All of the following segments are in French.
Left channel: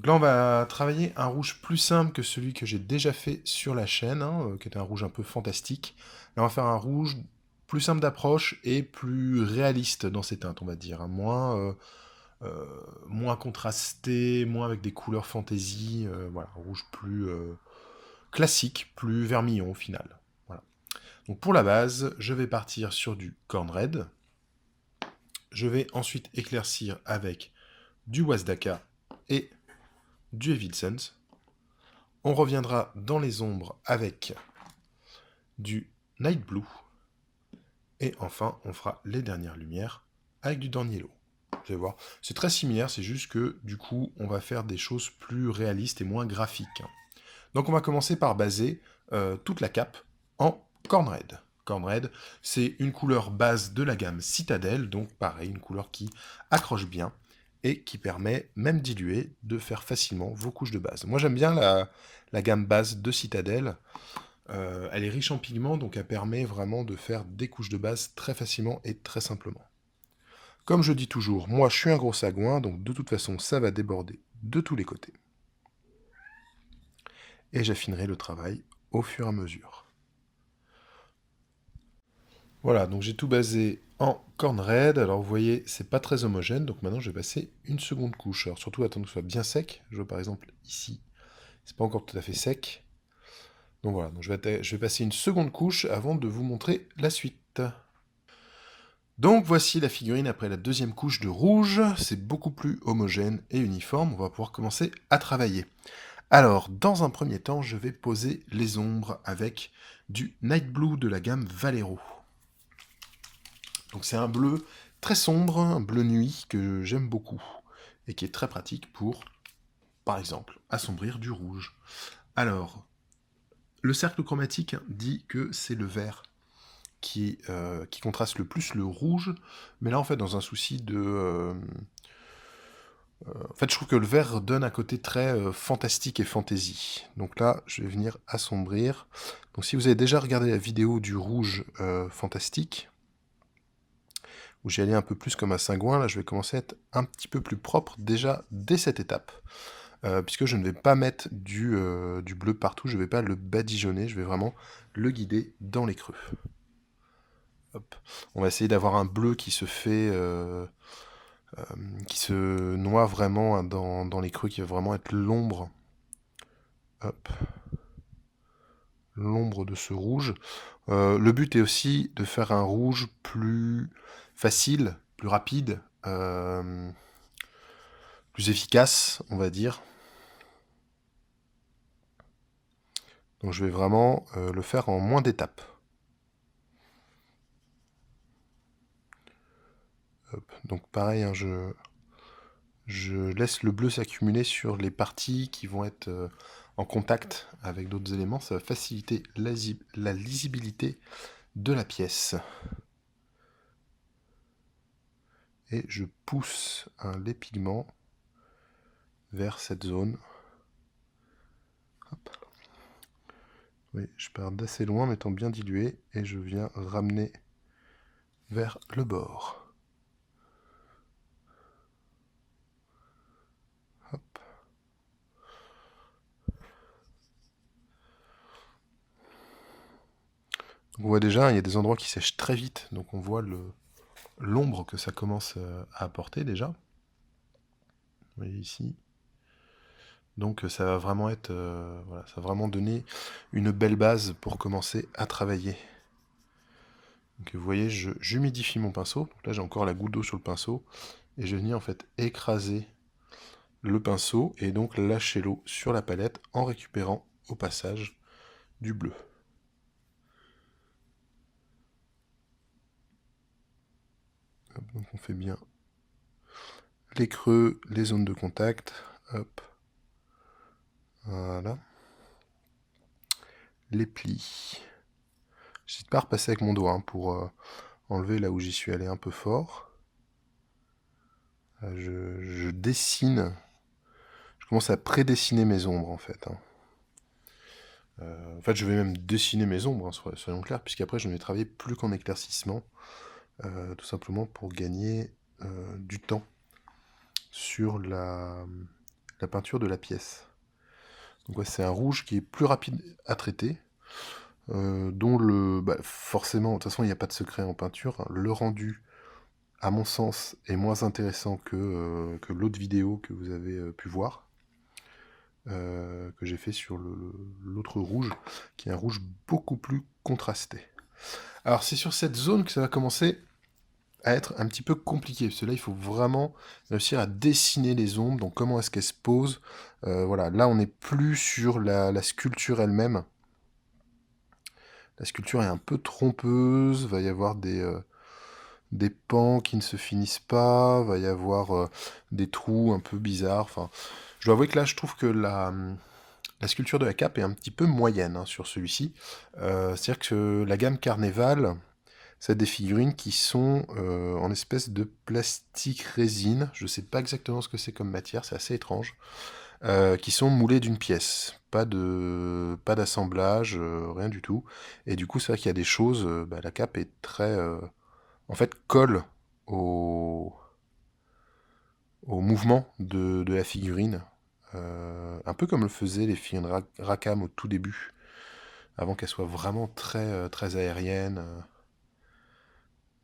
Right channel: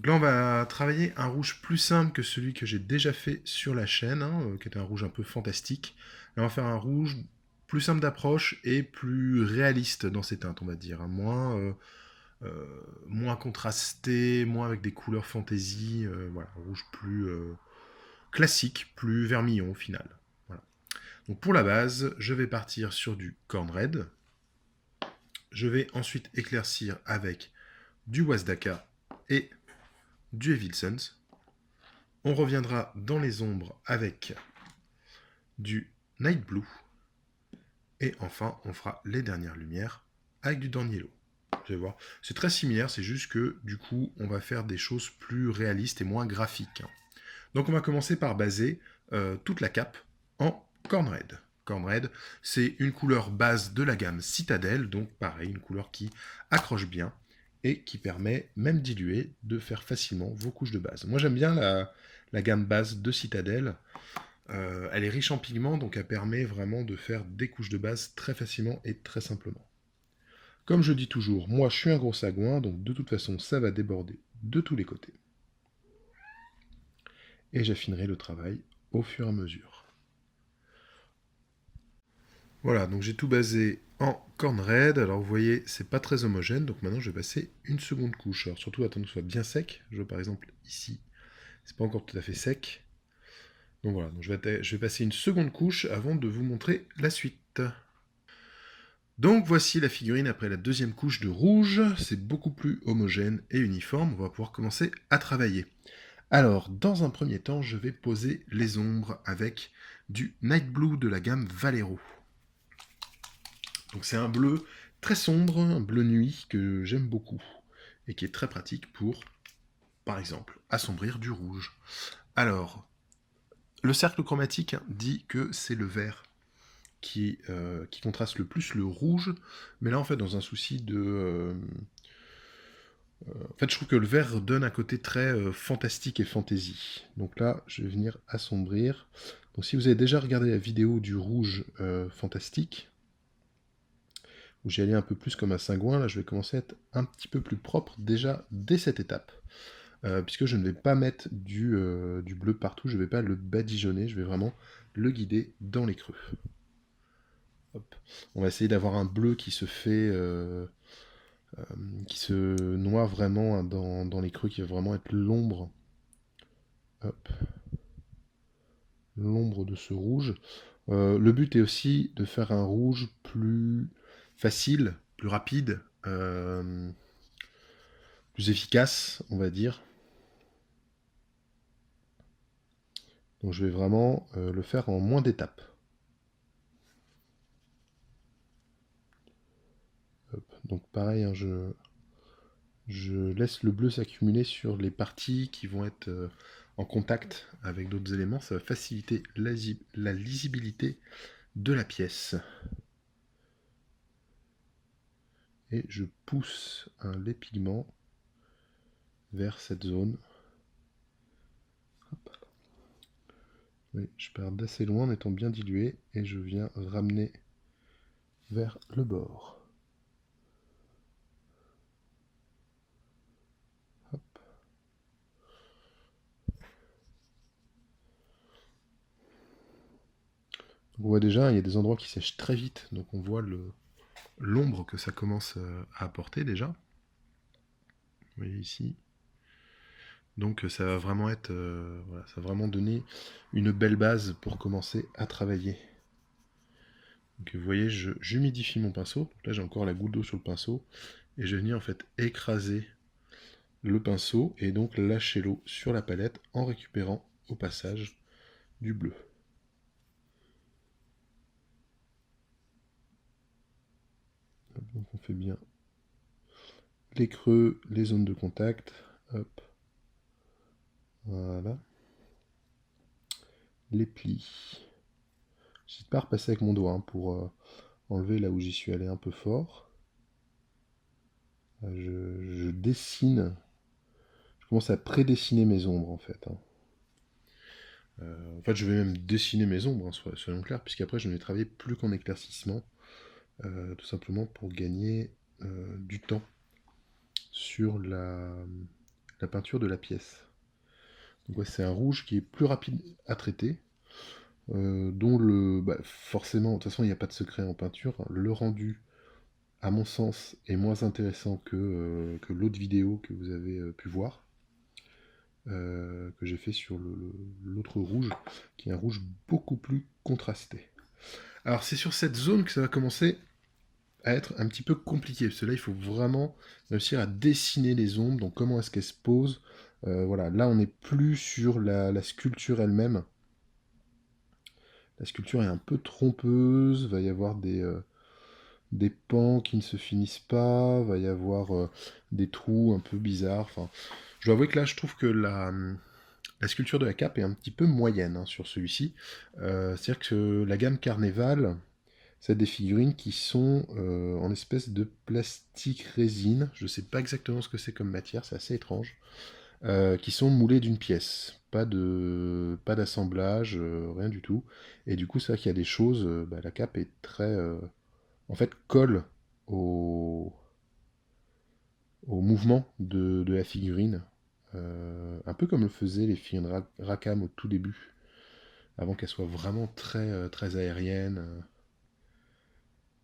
Donc là, on va travailler un rouge plus simple que celui que j'ai déjà fait sur la chaîne, hein, qui était un rouge un peu fantastique. Là, on va faire un rouge plus simple d'approche et plus réaliste dans ses teintes, on va dire, hein, moins contrasté, moins avec des couleurs fantasy, voilà, un rouge plus classique, plus vermillon au final. Voilà. Donc pour la base, je vais partir sur du Corn Red. Je vais ensuite éclaircir avec du Wazdaka et du Evil Sons. On reviendra dans les ombres avec du Night Blue. Et enfin, on fera les dernières lumières avec du Dawn Yellow. Vous allez voir, c'est très similaire, c'est juste que du coup, on va faire des choses plus réalistes et moins graphiques. Donc on va commencer par baser toute la cape en Corn Red. Corn Red, c'est une couleur base de la gamme Citadel, donc pareil, une couleur qui accroche bien et qui permet, même diluée, de faire facilement vos couches de base. Moi j'aime bien la gamme base de Citadel. Elle est riche en pigments, donc elle permet vraiment de faire des couches de base très facilement et très simplement. Comme je dis toujours, moi je suis un gros sagouin, donc de toute façon ça va déborder de tous les côtés. Et j'affinerai le travail au fur et à mesure. Voilà, donc j'ai tout basé en corn red. Alors vous voyez, c'est pas très homogène, donc maintenant je vais passer une seconde couche. Alors surtout attendre que ce soit bien sec. Je vois par exemple ici, c'est pas encore tout à fait sec. Donc voilà, donc je vais passer une seconde couche avant de vous montrer la suite. Donc voici la figurine après la deuxième couche de rouge. C'est beaucoup plus homogène et uniforme. On va pouvoir commencer à travailler. Alors, dans un premier temps, je vais poser les ombres avec du Night Blue de la gamme Valero. Donc c'est un bleu très sombre, un bleu nuit que j'aime beaucoup et qui est très pratique pour, par exemple, assombrir du rouge. Alors, le cercle chromatique dit que c'est le vert qui contraste le plus le rouge, mais là en fait dans un souci de... en fait je trouve que le vert donne un côté très fantastique et fantasy. Donc là je vais venir assombrir. Donc si vous avez déjà regardé la vidéo du rouge fantastique, où j'y allais un peu plus comme un cingouin, là je vais commencer à être un petit peu plus propre déjà dès cette étape. Puisque je ne vais pas mettre du bleu partout, je ne vais pas le badigeonner, je vais vraiment le guider dans les creux. Hop. On va essayer d'avoir un bleu qui se fait, qui se noie vraiment hein, dans les creux, qui va vraiment être l'ombre, hop, l'ombre de ce rouge. Le but est aussi de faire un rouge plus facile, plus rapide, plus efficace, on va dire. Donc je vais vraiment le faire en moins d'étapes. Donc pareil, hein, je laisse le bleu s'accumuler sur les parties qui vont être en contact avec d'autres éléments. Ça va faciliter la lisibilité de la pièce. Et je pousse les pigments vers cette zone. Hop. Oui, je pars d'assez loin en étant bien dilué et je viens ramener vers le bord. Hop. On voit déjà, il y a des endroits qui sèchent très vite, donc on voit l'ombre que ça commence à apporter déjà. Vous voyez ici. Donc ça va vraiment être, voilà, ça va vraiment donner une belle base pour commencer à travailler. Donc vous voyez, j'humidifie mon pinceau. Donc là j'ai encore la goutte d'eau sur le pinceau et je vais venir en fait écraser le pinceau et donc lâcher l'eau sur la palette en récupérant au passage du bleu. Hop, donc on fait bien les creux, les zones de contact. Hop. Voilà. Les plis. J'hésite pas à repasser avec mon doigt hein, pour enlever là où j'y suis allé un peu fort. Je dessine. Je commence à prédessiner mes ombres en fait. Hein. En fait, je vais même dessiner mes ombres, hein, soyons clairs, puisqu'après je ne vais travailler plus qu'en éclaircissement, tout simplement pour gagner du temps sur la peinture de la pièce. Donc ouais, c'est un rouge qui est plus rapide à traiter, dont forcément, de toute façon il n'y a pas de secret en peinture, hein. Le rendu, à mon sens, est moins intéressant que l'autre vidéo que vous avez pu voir, que j'ai fait sur l'autre rouge, qui est un rouge beaucoup plus contrasté. Alors c'est sur cette zone que ça va commencer à être un petit peu compliqué, parce que là il faut vraiment réussir à dessiner les ombres, donc comment est-ce qu'elles se posent. Voilà, là on n'est plus sur la sculpture elle-même. La sculpture est un peu trompeuse, va y avoir des pans qui ne se finissent pas, va y avoir des trous un peu bizarres. Enfin, je dois avouer que là je trouve que la sculpture de la cape est un petit peu moyenne, hein, sur celui-ci. C'est-à-dire que la gamme Carnéval, c'est des figurines qui sont en espèce de plastique résine. Je ne sais pas exactement ce que c'est comme matière, c'est assez étrange. Qui sont moulées d'une pièce. Pas d'assemblage, rien du tout. Et du coup, c'est vrai qu'il y a des choses. La cape est très. En fait, colle au, au mouvement de la figurine. Un peu comme le faisaient les figurines Rackham au tout début, avant qu'elles soient vraiment très aériennes.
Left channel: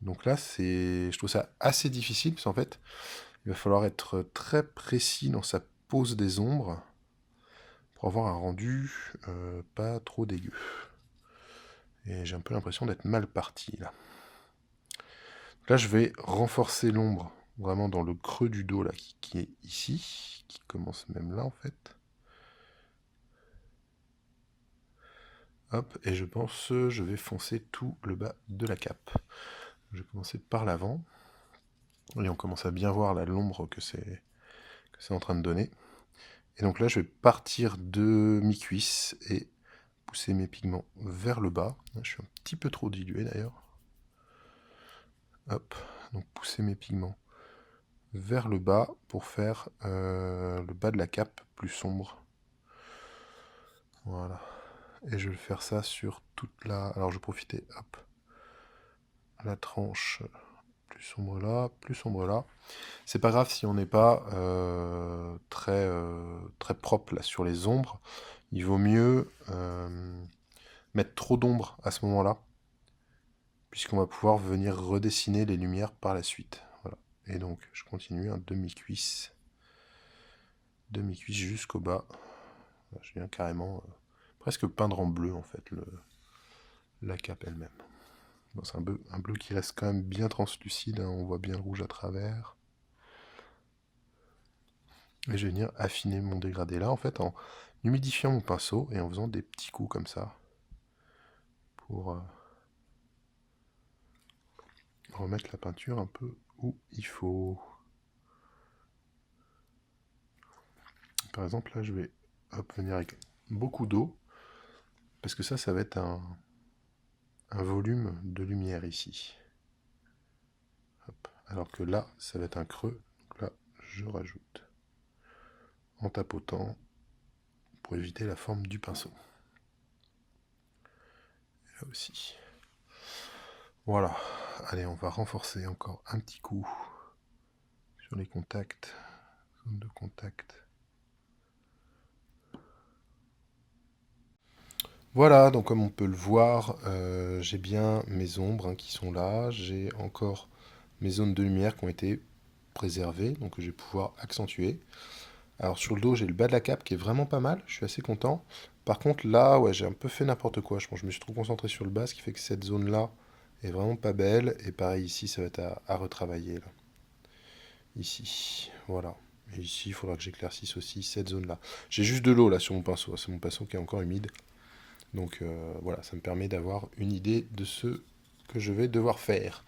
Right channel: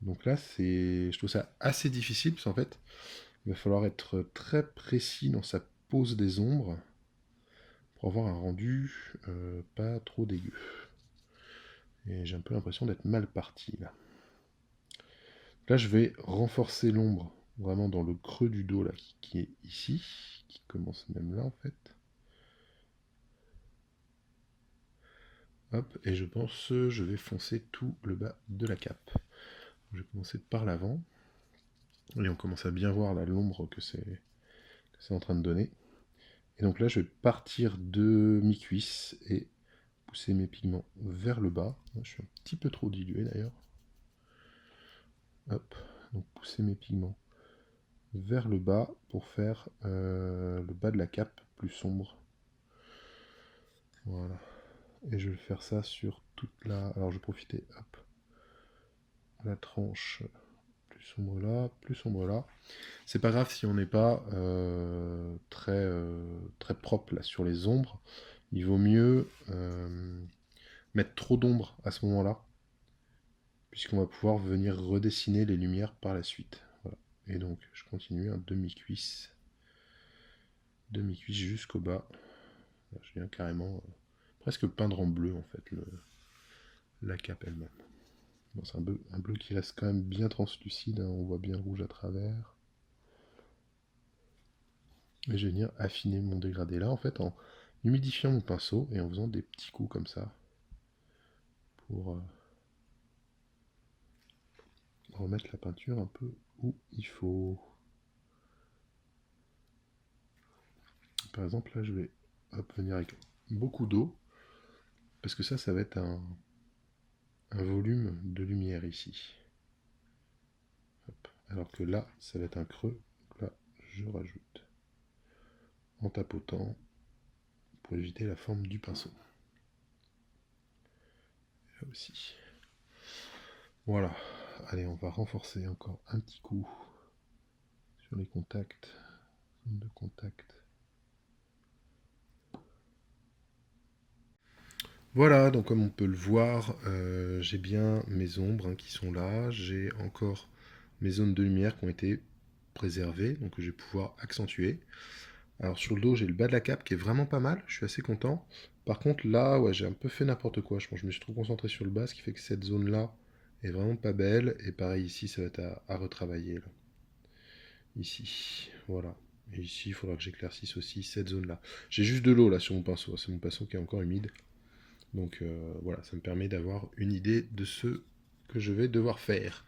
Donc là, je trouve ça assez difficile, parce qu'en fait, il va falloir être très précis dans sa pose des ombres pour avoir un rendu pas trop dégueu. Et j'ai un peu l'impression d'être mal parti là. Là, je vais renforcer l'ombre vraiment dans le creux du dos là, qui est ici, qui commence même là en fait. Hop, et je pense je vais foncer tout le bas de la cape. Je vais commencer par l'avant. Et on commence à bien voir là l'ombre que c'est en train de donner. Et donc là, je vais partir de mi-cuisse et pousser mes pigments vers le bas. Je suis un petit peu trop dilué d'ailleurs. Hop, donc pousser mes pigments vers le bas pour faire le bas de la cape plus sombre. Voilà. Et je vais faire ça sur toute la... Alors je vais profiter, hop, la tranche plus sombre là. C'est pas grave si on n'est pas très propre là sur les ombres. Il vaut mieux mettre trop d'ombre à ce moment-là, puisqu'on va pouvoir venir redessiner les lumières par la suite. Voilà. Et donc je continue un demi-cuisse jusqu'au bas. Je viens carrément presque peindre en bleu en fait la cape elle-même. Bon, c'est un bleu qui reste quand même bien translucide, hein, on voit bien le rouge à travers. Et je vais venir affiner mon dégradé là en fait en humidifiant mon pinceau et en faisant des petits coups comme ça pour remettre la peinture un peu où il faut. Par exemple là je vais venir avec beaucoup d'eau parce que ça va être un volume de lumière ici. Hop. Alors que là ça va être un creux, donc là je rajoute en tapotant pour éviter la forme du pinceau. Et là aussi. Voilà. Allez, on va renforcer encore un petit coup sur les contacts, zone de contact. Voilà, donc comme on peut le voir, j'ai bien mes ombres, hein, qui sont là. J'ai encore mes zones de lumière qui ont été préservées, donc que je vais pouvoir accentuer. Alors sur le dos, j'ai le bas de la cape qui est vraiment pas mal, je suis assez content. Par contre là, ouais, j'ai un peu fait n'importe quoi, je pense que je me suis trop concentré sur le bas, ce qui fait que cette zone-là est vraiment pas belle. Et pareil ici, ça va être à retravailler là. Ici, voilà. Et ici, il faudra que j'éclaircisse aussi cette zone-là. J'ai juste de l'eau là sur mon pinceau, c'est mon pinceau qui est encore humide. Donc voilà, ça me permet d'avoir une idée de ce que je vais devoir faire.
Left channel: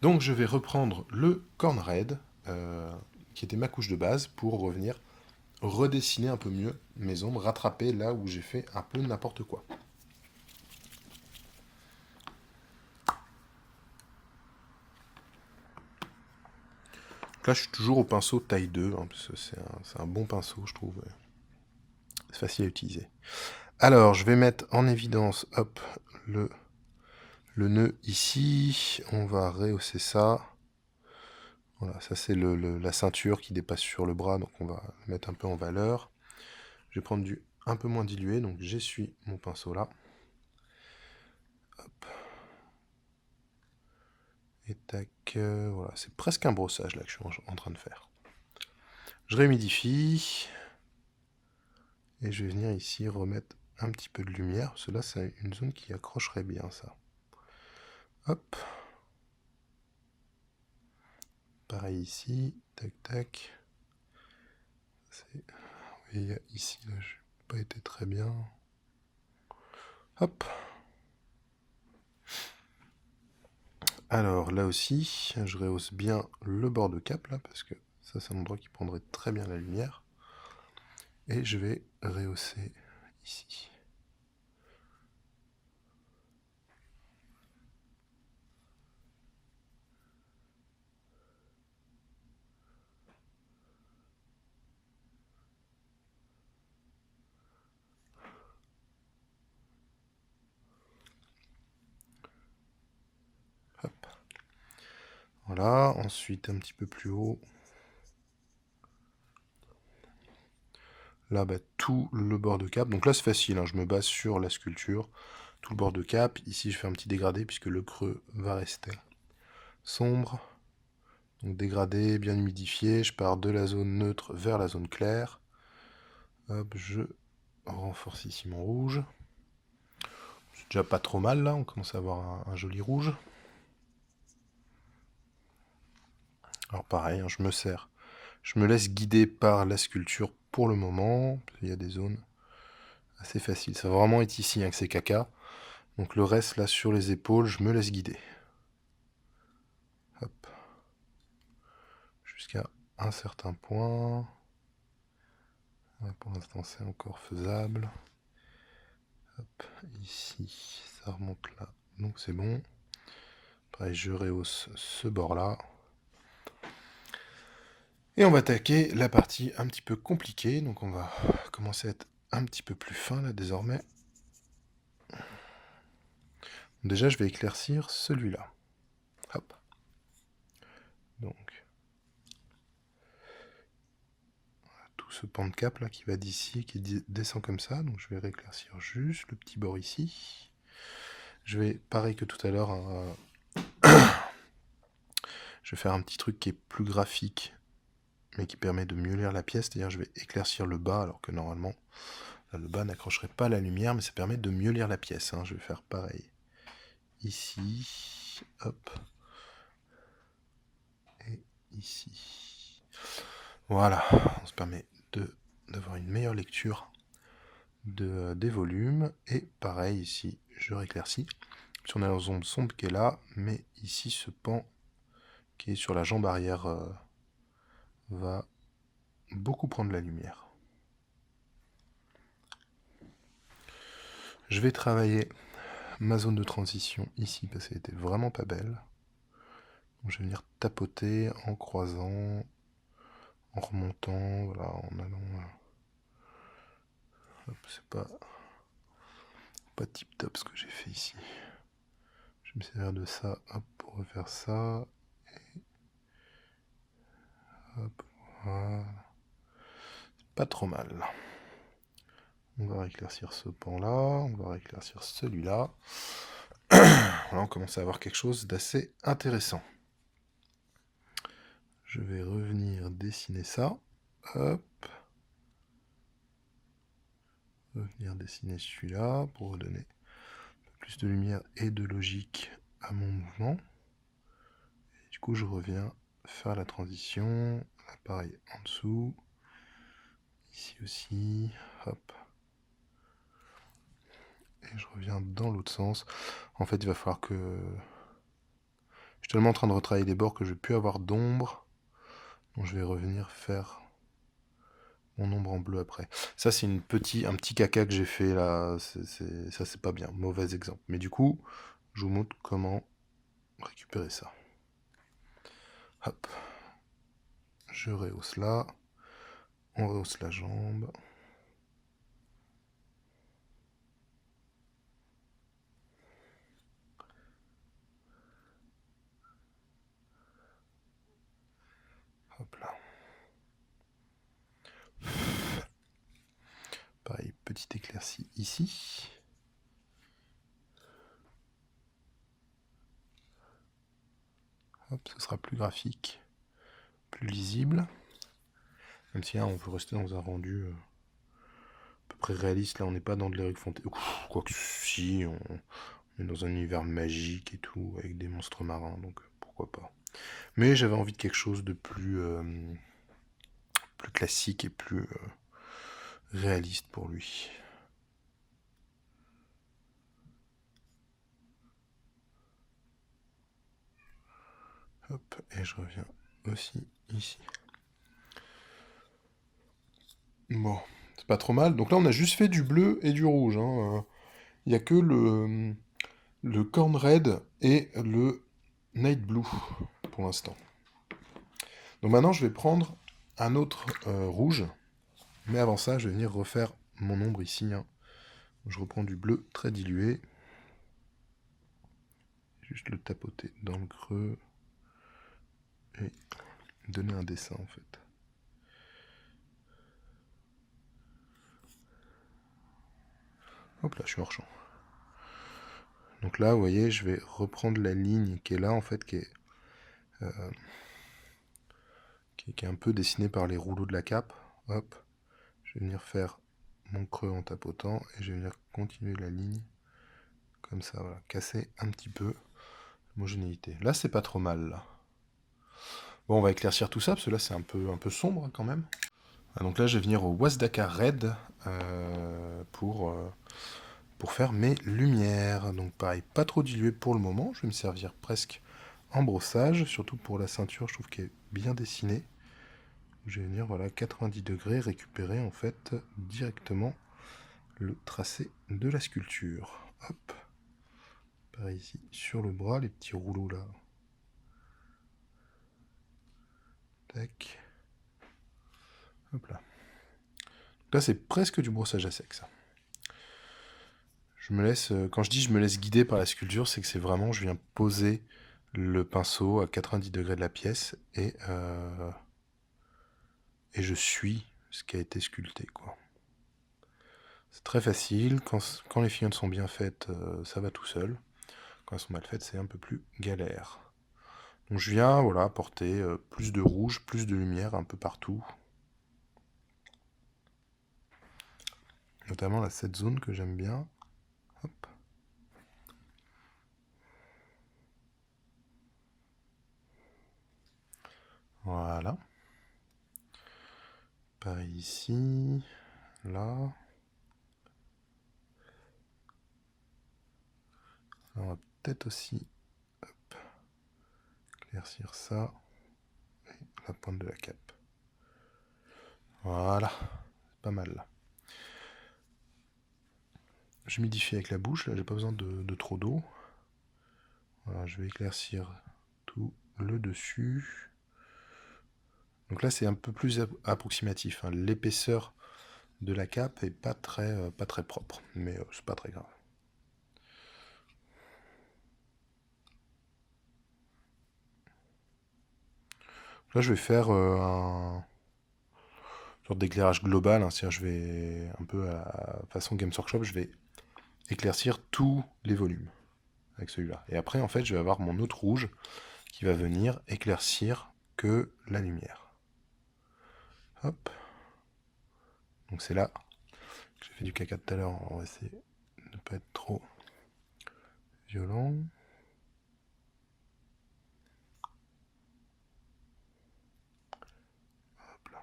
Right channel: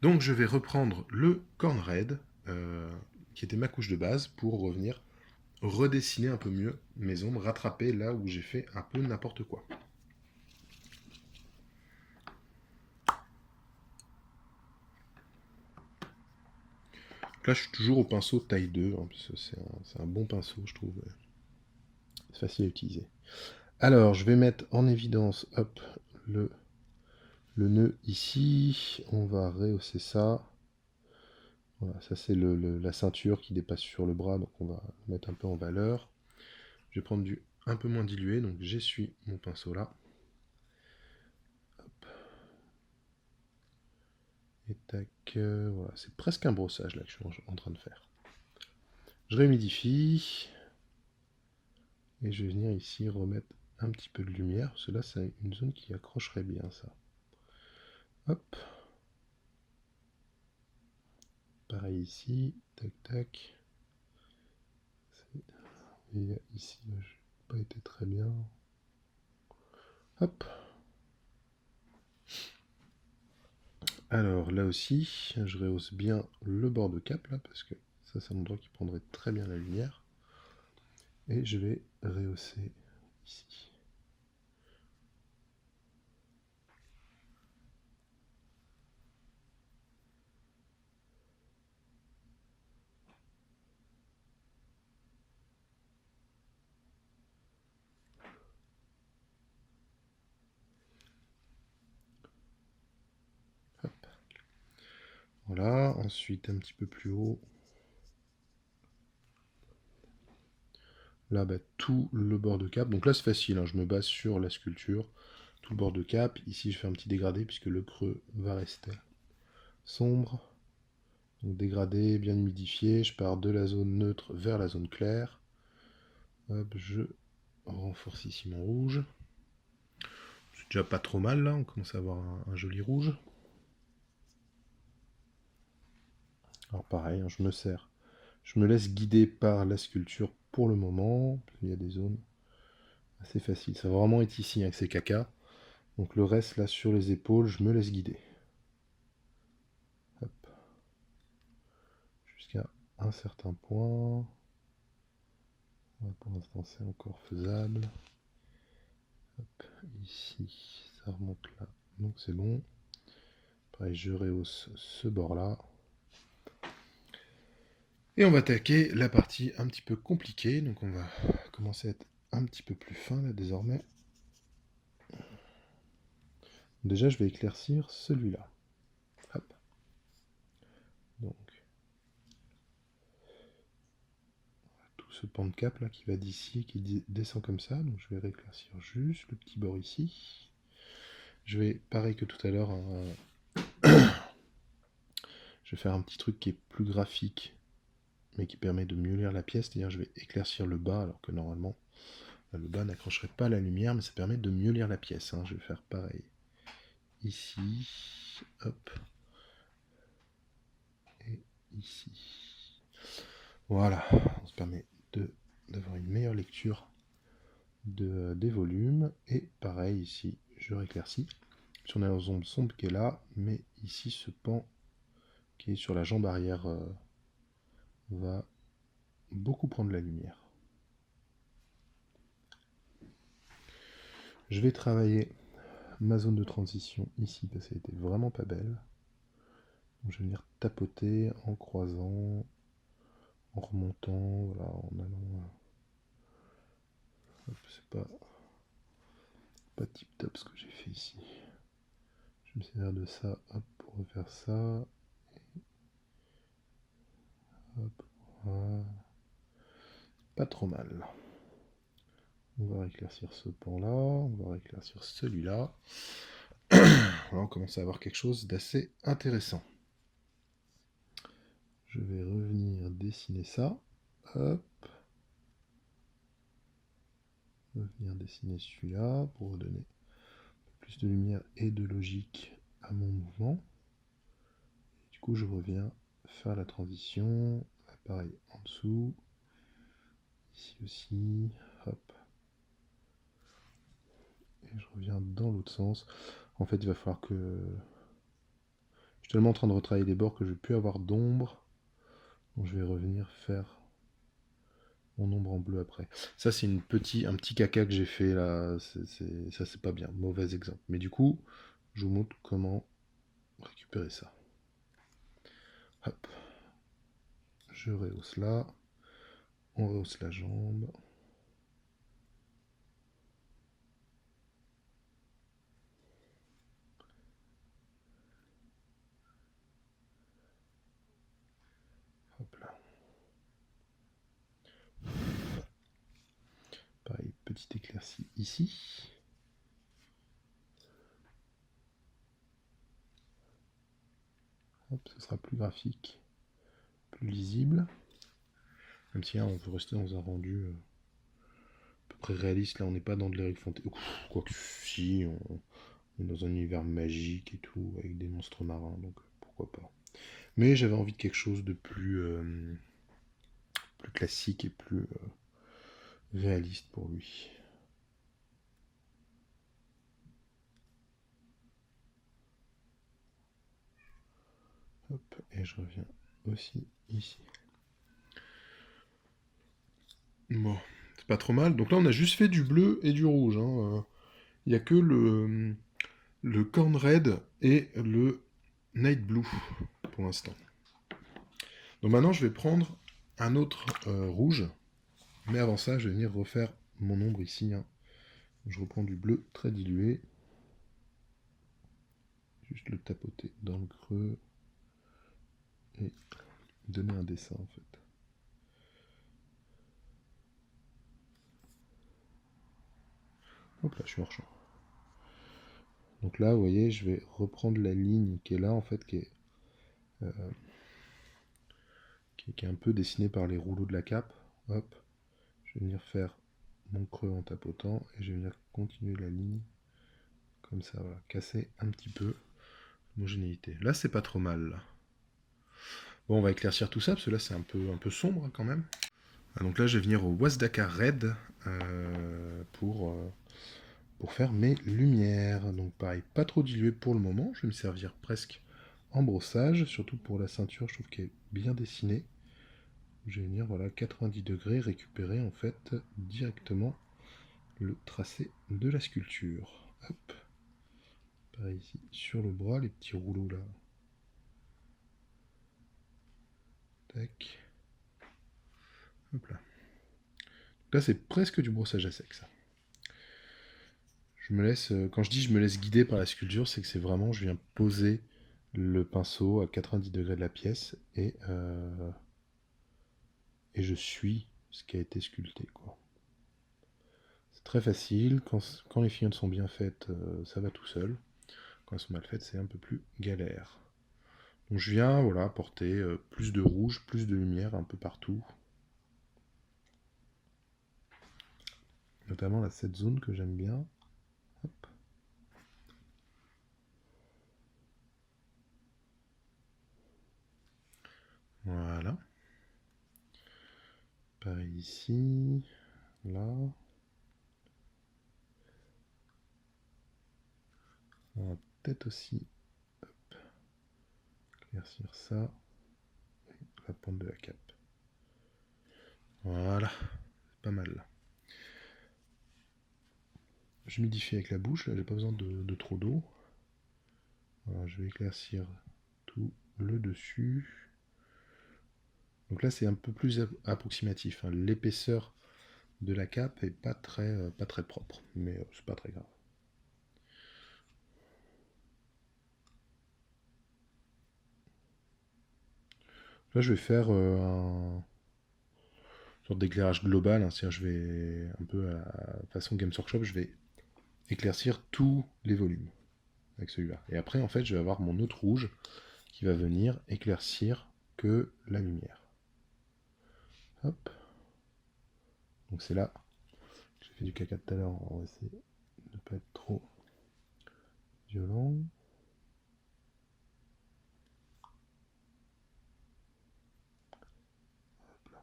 Donc je vais reprendre le Corn Red, qui était ma couche de base, pour revenir redessiner un peu mieux mes ombres, rattraper là où j'ai fait un peu n'importe quoi. Donc là je suis toujours au pinceau taille 2, hein, parce que c'est un bon pinceau je trouve. C'est facile à utiliser. Alors je vais mettre en évidence, hop, le nœud ici. On va rehausser ça. Voilà, ça c'est la ceinture qui dépasse sur le bras, donc on va la mettre un peu en valeur. Je vais prendre du un peu moins dilué, donc j'essuie mon pinceau là. Hop. Et tac, voilà, c'est presque un brossage là que je suis en train de faire. Je réhumidifie. Et je vais venir ici remettre un petit peu de lumière, parce que là c'est une zone qui accrocherait bien ça. Hop. Pareil ici, tac tac. Vous voyez ici, là, je n'ai pas été très bien. Hop. Alors là aussi, je rehausse bien le bord de cap là, parce que ça c'est un endroit qui prendrait très bien la lumière. Et je vais rehausser ici. Hop. Voilà, ensuite un petit peu plus haut. Là, bah, tout le bord de cap. Donc là, c'est facile, hein, je me base sur la sculpture. Tout le bord de cap. Ici, je fais un petit dégradé puisque le creux va rester sombre. Donc dégradé, bien humidifié. Je pars de la zone neutre vers la zone claire. Hop, je renforce ici mon rouge. C'est déjà pas trop mal là, on commence à avoir un joli rouge. Alors pareil, hein, je me sers. Je me laisse guider par la sculpture pour le moment. Il y a des zones assez faciles. Ça va vraiment être ici hein, que c'est caca. Donc le reste là sur les épaules, je me laisse guider. Hop. Jusqu'à un certain point. Ouais, pour l'instant c'est encore faisable. Hop, ici, ça remonte là. Donc c'est bon. Pareil, je rehausse ce bord là. Et on va attaquer la partie un petit peu compliquée. Donc on va commencer à être un petit peu plus fin là désormais. Déjà je vais éclaircir celui-là. Hop. Donc tout ce pan de cap là qui va d'ici, qui descend comme ça. Donc je vais rééclaircir juste le petit bord ici. Je vais, pareil que tout à l'heure, je vais faire un petit truc qui est plus graphique, mais qui permet de mieux lire la pièce. C'est-à-dire je vais éclaircir le bas, alors que normalement, là, le bas n'accrocherait pas la lumière, mais ça permet de mieux lire la pièce. Hein. Je vais faire pareil. Ici, hop. Et ici. Voilà, on se permet d'avoir une meilleure lecture des volumes. Et pareil ici, je rééclaircis. Si on a la zone sombre qui est là, mais ici ce pan qui est sur la jambe arrière va beaucoup prendre la lumière. Je vais travailler ma zone de transition ici parce qu'elle était vraiment pas belle. Donc je vais venir tapoter en croisant, en remontant, voilà, en allant. C'est pas tip top ce que j'ai fait ici. Je vais me servir de ça hop, pour refaire ça. Hop, voilà. Pas trop mal. On va rééclaircir ce pan-là, on va rééclaircir celui-là. Là, on commence à avoir quelque chose d'assez intéressant. Je vais revenir dessiner ça. Hop. Revenir dessiner celui-là pour redonner plus de lumière et de logique à mon mouvement. Et du coup, je reviens faire la transition. Pareil en dessous. Ici aussi. Hop. Et je reviens dans l'autre sens. En fait, il va falloir que... Je suis tellement en train de retravailler des bords que je ne vais plus avoir d'ombre. Donc je vais revenir faire mon ombre en bleu après. Ça, c'est un petit caca que j'ai fait là. Ça, c'est pas bien. Mauvais exemple. Mais du coup, je vous montre comment récupérer ça. Hop. Je rehausse là. On rehausse la jambe. petite éclaircie ici. Hop, ce sera plus graphique, plus lisible. Même si là, on veut rester dans un rendu à peu près réaliste. Là, on n'est pas dans de l'Éric Fontaine. Quoique si, on est dans un univers magique et tout, avec des monstres marins, donc pourquoi pas. Mais j'avais envie de quelque chose de plus classique et plus réaliste pour lui. Hop, et je reviens aussi ici. Bon, c'est pas trop mal. Donc là, on a juste fait du bleu et du rouge. Il n'y a que le Corn Red et le Night Blue pour l'instant. Donc maintenant, je vais prendre un autre rouge. Mais avant ça, je vais venir refaire mon ombre ici. Je reprends du bleu très dilué. Juste le tapoter dans le creux. Et donner un dessin en fait. Hop là, je suis hors champ. Donc là, vous voyez, je vais reprendre la ligne qui est là en fait, qui est un peu dessinée par les rouleaux de la cape. Hop, je vais venir faire mon creux en tapotant et je vais venir continuer la ligne comme ça, voilà, casser un petit peu l'homogénéité. Là, c'est pas trop mal là. Bon, on va éclaircir tout ça parce que là, c'est un peu sombre hein, quand même. Donc là, je vais venir au Wasdaka Red pour faire mes lumières. Donc pareil, pas trop dilué pour le moment. Je vais me servir presque en brossage, surtout pour la ceinture, je trouve qu'elle est bien dessinée. Je vais venir, voilà, 90 degrés, récupérer en fait directement le tracé de la sculpture. Hop. Pareil ici, sur le bras, les petits rouleaux là. Tac. Hop là. Là, c'est presque du brossage à sec, ça. Je me laisse, quand je dis je me laisse guider par la sculpture, c'est que c'est vraiment, je viens poser le pinceau à 90 degrés de la pièce et je suis ce qui a été sculpté, quoi. C'est très facile, quand les figurines sont bien faites, ça va tout seul. Quand elles sont mal faites, c'est un peu plus galère. Donc je viens, voilà, apporter plus de rouge, plus de lumière un peu partout. Notamment là, cette zone que j'aime bien. Hop. Voilà. Pareil ici, là. On va peut-être aussi éclaircir ça et la pointe de la cape. Voilà, pas mal là. J'humidifie avec la bouche, là j'ai pas besoin de trop d'eau. Voilà, je vais éclaircir tout le dessus. Donc là c'est un peu plus approximatif, hein. L'épaisseur de la cape est pas très propre, mais c'est pas très grave. Là je vais faire un sorte d'éclairage global, hein. C'est-à-dire je vais un peu à façon Games Workshop, je vais éclaircir tous les volumes avec celui-là. Et après en fait je vais avoir mon autre rouge qui va venir éclaircir que la lumière. Hop. Donc c'est là que j'ai fait du caca tout à l'heure, on va essayer de ne pas être trop violent. Hop là.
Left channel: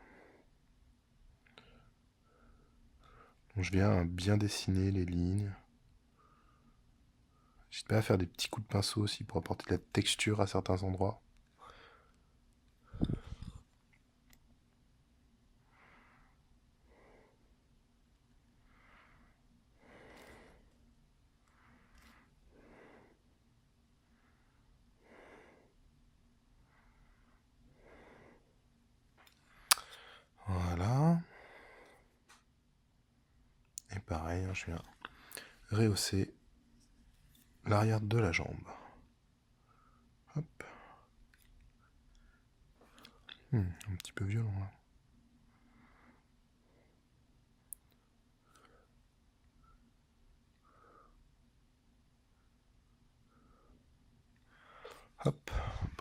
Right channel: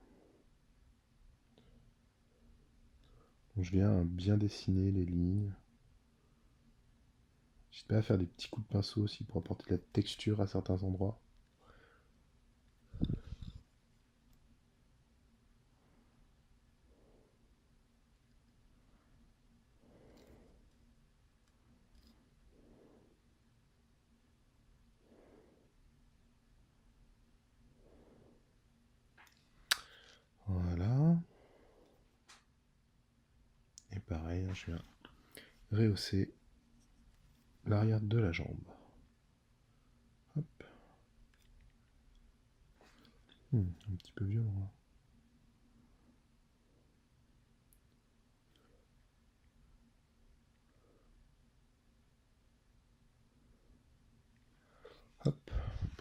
Donc je viens bien dessiner les lignes. N'hésite pas à faire des petits coups de pinceau aussi pour apporter de la texture à certains endroits. Voilà. Et pareil, je viens rehausser l'arrière de la jambe. Hop. Un petit peu violent là.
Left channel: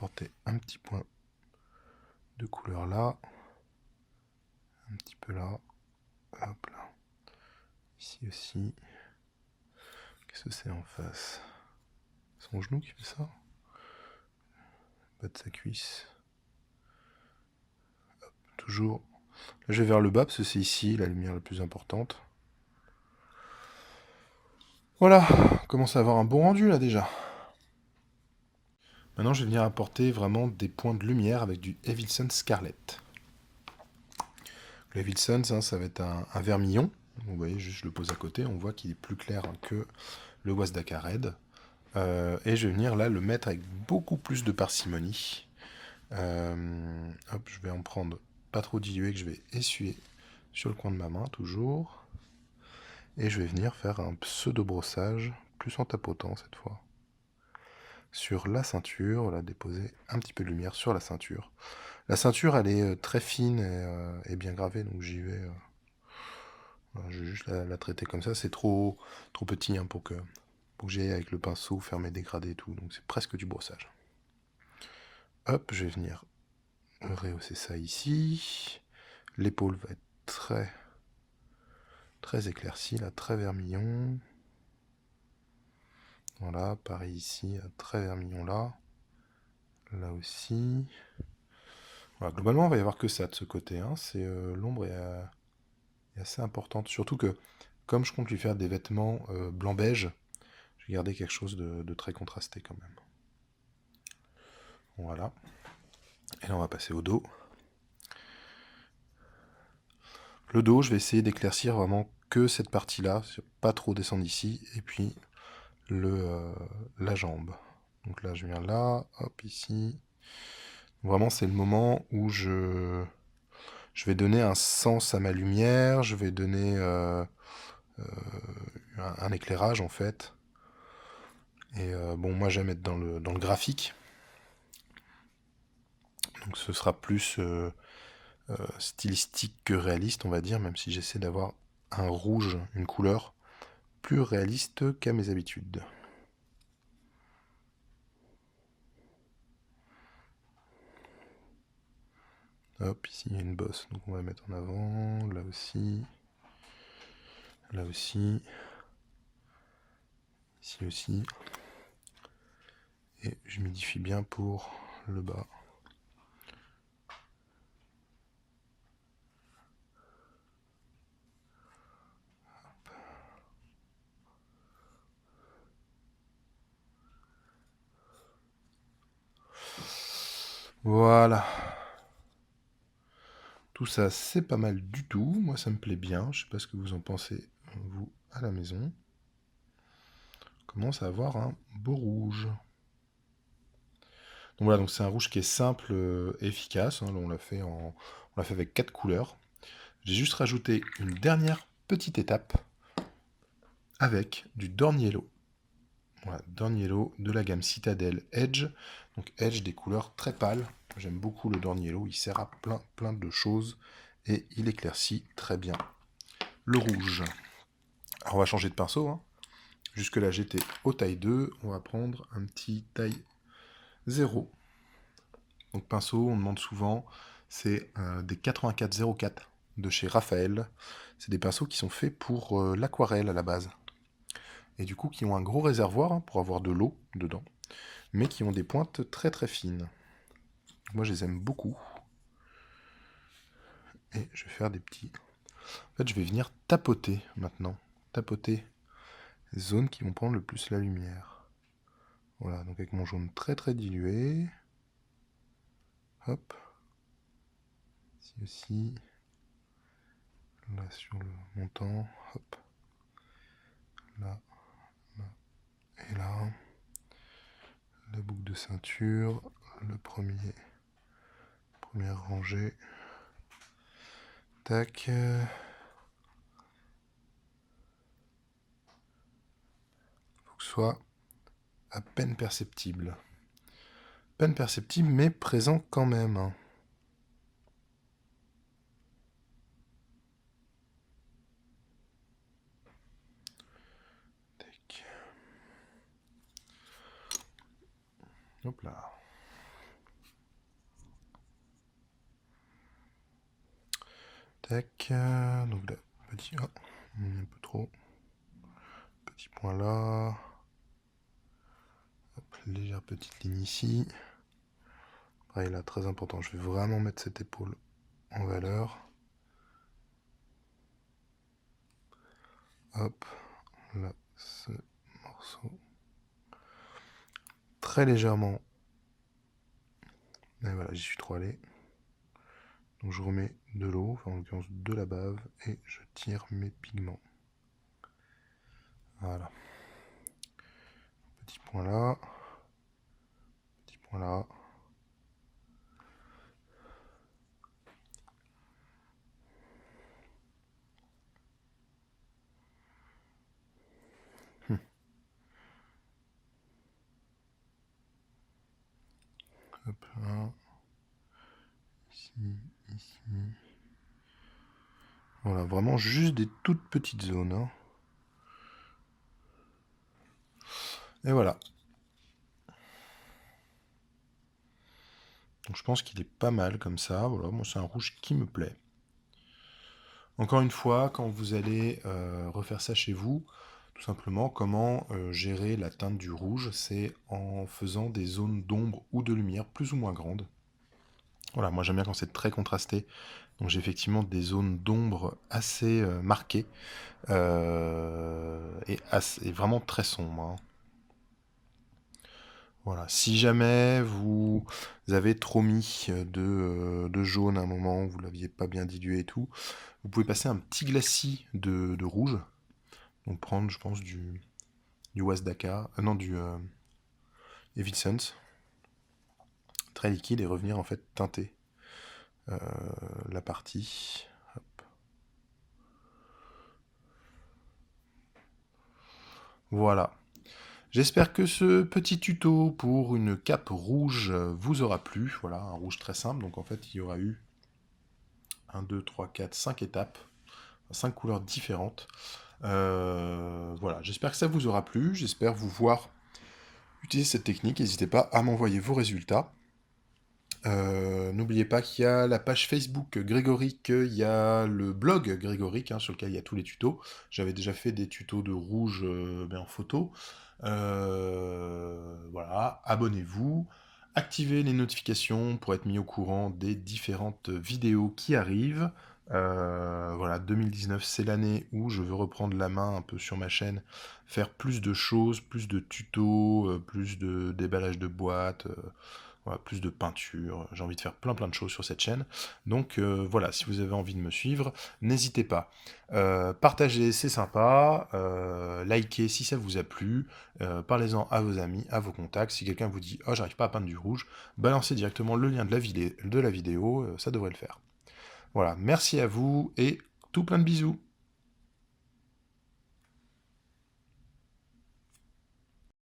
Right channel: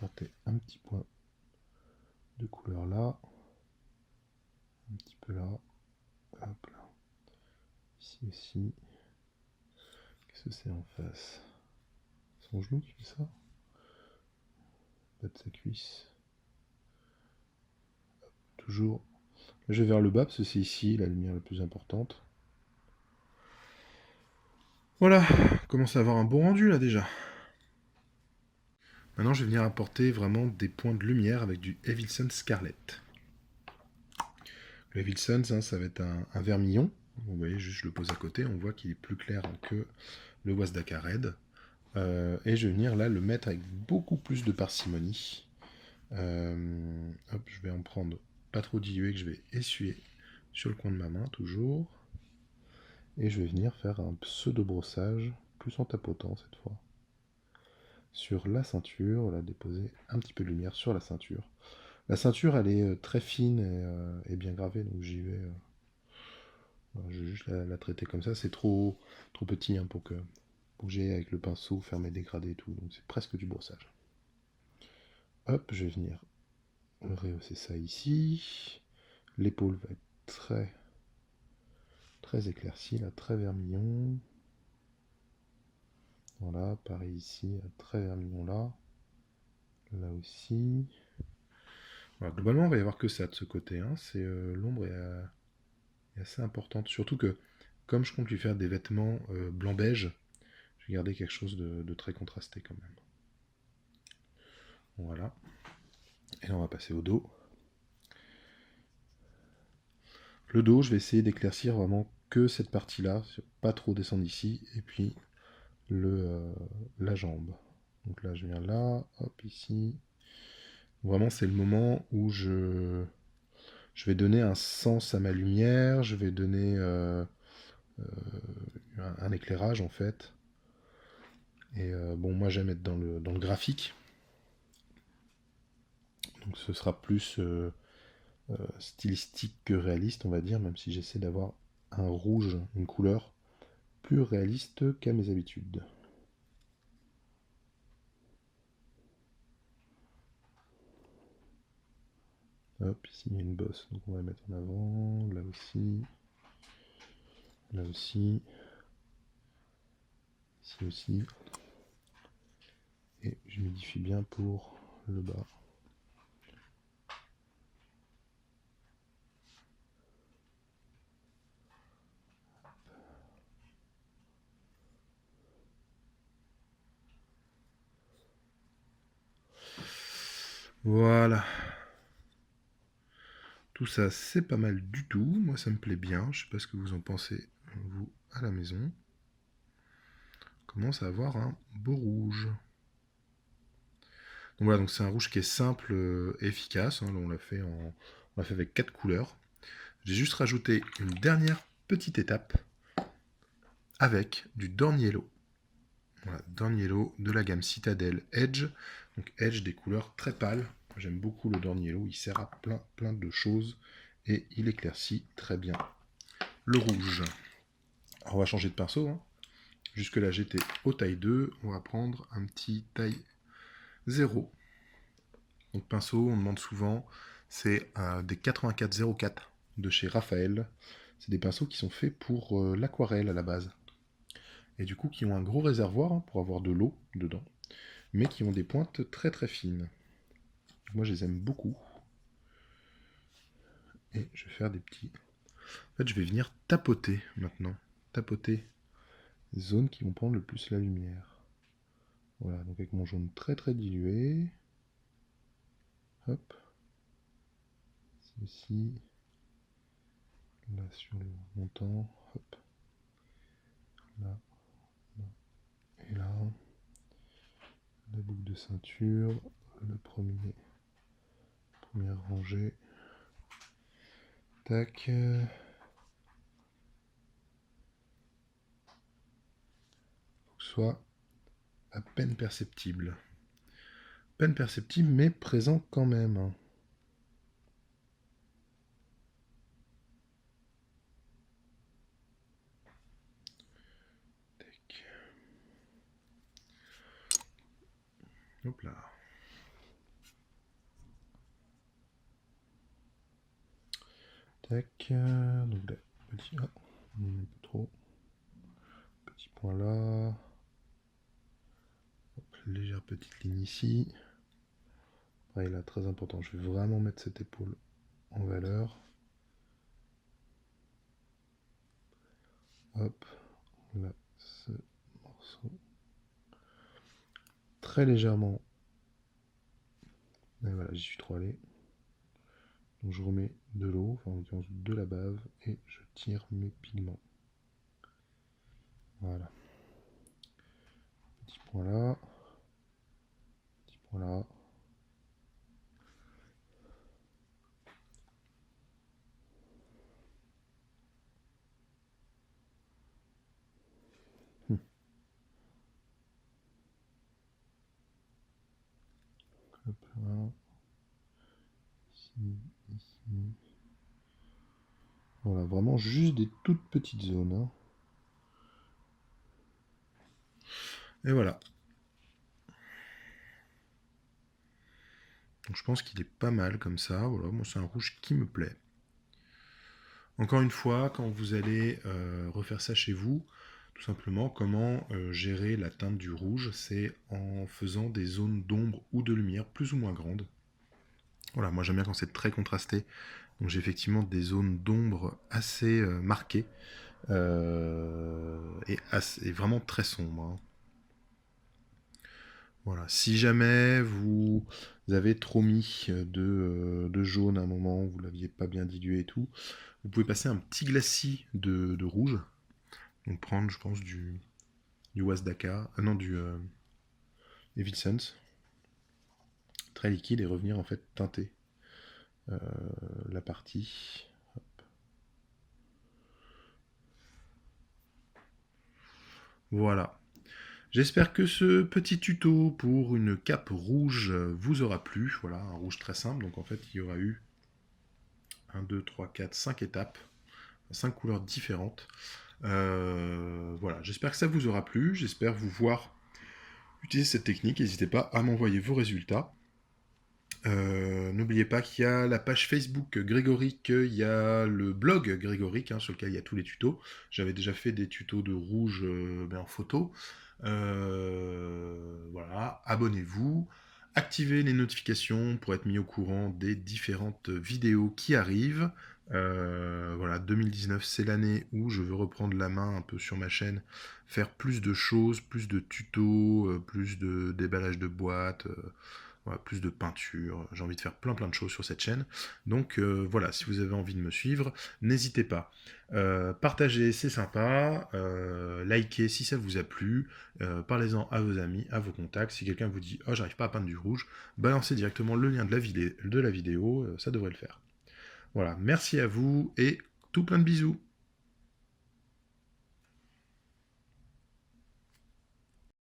apporter un petit point de couleur là. Un petit peu là. Hop là. Ici aussi. Qu'est-ce que c'est en face? Son genou qui fait ça? Bas de sa cuisse. Hop, toujours. Là, je vais vers le bas parce que c'est ici la lumière la plus importante. Voilà, on commence à avoir un bon rendu là déjà. Maintenant, je vais venir apporter vraiment des points de lumière avec du Evilson Scarlet. Le Evilson, ça va être un vermillon. Vous voyez, juste je le pose à côté, on voit qu'il est plus clair que le Wazdaka Red. Et je vais venir là le mettre avec beaucoup plus de parcimonie. Hop, je vais en prendre pas trop dilué que je vais essuyer sur le coin de ma main toujours. Et je vais venir faire un pseudo brossage, plus en tapotant cette fois. Sur la ceinture, voilà, déposer un petit peu de lumière sur la ceinture. La ceinture, elle est très fine et bien gravée, donc j'y vais. Voilà, je vais juste la traiter comme ça. C'est trop petit pour que j'aille avec le pinceau faire mes dégradés et tout. Donc c'est presque du brossage. Hop, je vais venir rehausser ça ici. L'épaule va être très éclaircie, là, très vermillon. Voilà, pareil ici, très vermillon là. Là aussi. Voilà, globalement, il va y avoir que ça de ce côté. Hein. C'est l'ombre est assez importante. Surtout que, comme je compte lui faire des vêtements blanc-beige, je vais garder quelque chose de très contrasté quand même. Voilà. Et là, on va passer au dos. Le dos, je vais essayer d'éclaircir vraiment que cette partie-là, pas trop descendre ici, et puis la jambe. Donc là, je viens là, hop, ici. Vraiment, c'est le moment où je vais donner un sens à ma lumière, je vais donner un éclairage en fait. Et bon, moi j'aime être dans le graphique. Donc ce sera plus stylistique que réaliste, on va dire, même si j'essaie d'avoir un rouge, une couleur plus réaliste qu'à mes habitudes. Hop, ici il y a une bosse, donc on va mettre en avant, là aussi, ici aussi. Et je m'idifie bien pour le bas. Voilà. Tout ça, c'est pas mal du tout. Moi, ça me plaît bien. Je sais pas ce que vous en pensez, vous, à la maison. On commence à avoir un beau rouge. Donc voilà, donc c'est un rouge qui est simple, efficace. Hein. Là, on l'a fait avec 4 couleurs. J'ai juste rajouté une dernière petite étape avec du Dorn Yellow. Voilà, Dorn Yellow de la gamme Citadel Edge. Donc Edge, des couleurs très pâles. J'aime beaucoup le Dorn Yellow, il sert à plein de choses et il éclaircit très bien le rouge. Alors on va changer de pinceau. Hein. Jusque là j'étais au taille 2, on va prendre un petit taille 0. Donc pinceau, on demande souvent, c'est des 8404 de chez Raphaël. C'est des pinceaux qui sont faits pour l'aquarelle à la base. Et du coup qui ont un gros réservoir pour avoir de l'eau dedans, mais qui ont des pointes très fines. Moi je les aime beaucoup. Et je vais faire des petits... En fait je vais venir tapoter maintenant. Tapoter les zones qui vont prendre le plus la lumière. Voilà, donc avec mon jaune très dilué. Hop. Ici aussi. Là sur le montant. Hop. Là. Et là. La boucle de ceinture. Le première rangée. Tac. Faut que ce soit à peine perceptible. Peine perceptible, mais présent quand même. Tac. Hop là. Tac. Donc là, petit... Oh, un peu trop. Petit point là. Hop, légère petite ligne ici. Pareil là, très important. Je vais vraiment mettre cette épaule en valeur. Hop, là, ce morceau. Très légèrement. Et voilà, j'y suis trop allé. Donc je remets de l'eau, enfin en l'occurrence de la bave, et je tire mes pigments. Voilà. Petit point là. Petit point là. Hop là. Ici, ici. Voilà, vraiment juste des toutes petites zones. Hein. Et voilà. Donc je pense qu'il est pas mal comme ça. Voilà, moi c'est un rouge qui me plaît. Encore une fois, quand vous allez refaire ça chez vous, tout simplement, comment gérer la teinte du rouge, c'est en faisant des zones d'ombre ou de lumière plus ou moins grandes. Voilà, moi j'aime bien quand c'est très contrasté. Donc j'ai effectivement des zones d'ombre assez marquées et vraiment très sombres. Hein. Voilà. Si jamais vous avez trop mis de jaune à un moment, vous ne l'aviez pas bien dilué et tout, vous pouvez passer un petit glacis de rouge. Donc prendre, je pense, du Wasdaka, non, du Evincent, très liquide, et revenir en fait teinter la partie. Hop. Voilà. J'espère que ce petit tuto pour une cape rouge vous aura plu. Voilà, un rouge très simple. Donc en fait, il y aura eu 1, 2, 3, 4, 5 étapes, 5 couleurs différentes. Voilà, j'espère que ça vous aura plu. J'espère vous voir utiliser cette technique. N'hésitez pas à m'envoyer vos résultats. N'oubliez pas qu'il y a la page Facebook Grégoric, il y a le blog Grégoric, hein, sur lequel il y a tous les tutos. J'avais déjà fait des tutos de rouge en photo. Voilà, abonnez-vous, activez les notifications pour être mis au courant des différentes vidéos qui arrivent. Voilà, 2019, c'est l'année où je veux reprendre la main un peu sur ma chaîne, faire plus de choses, plus de tutos, plus de déballage de boîtes, voilà, plus de peinture. J'ai envie de faire plein de choses sur cette chaîne. Donc voilà, si vous avez envie de me suivre, n'hésitez pas. Partagez, c'est sympa. Likez si ça vous a plu. Parlez-en à vos amis, à vos contacts. Si quelqu'un vous dit « Oh, j'arrive pas à peindre du rouge », balancez directement le lien de la vidéo, ça devrait le faire. Voilà, merci à vous et tout plein de bisous.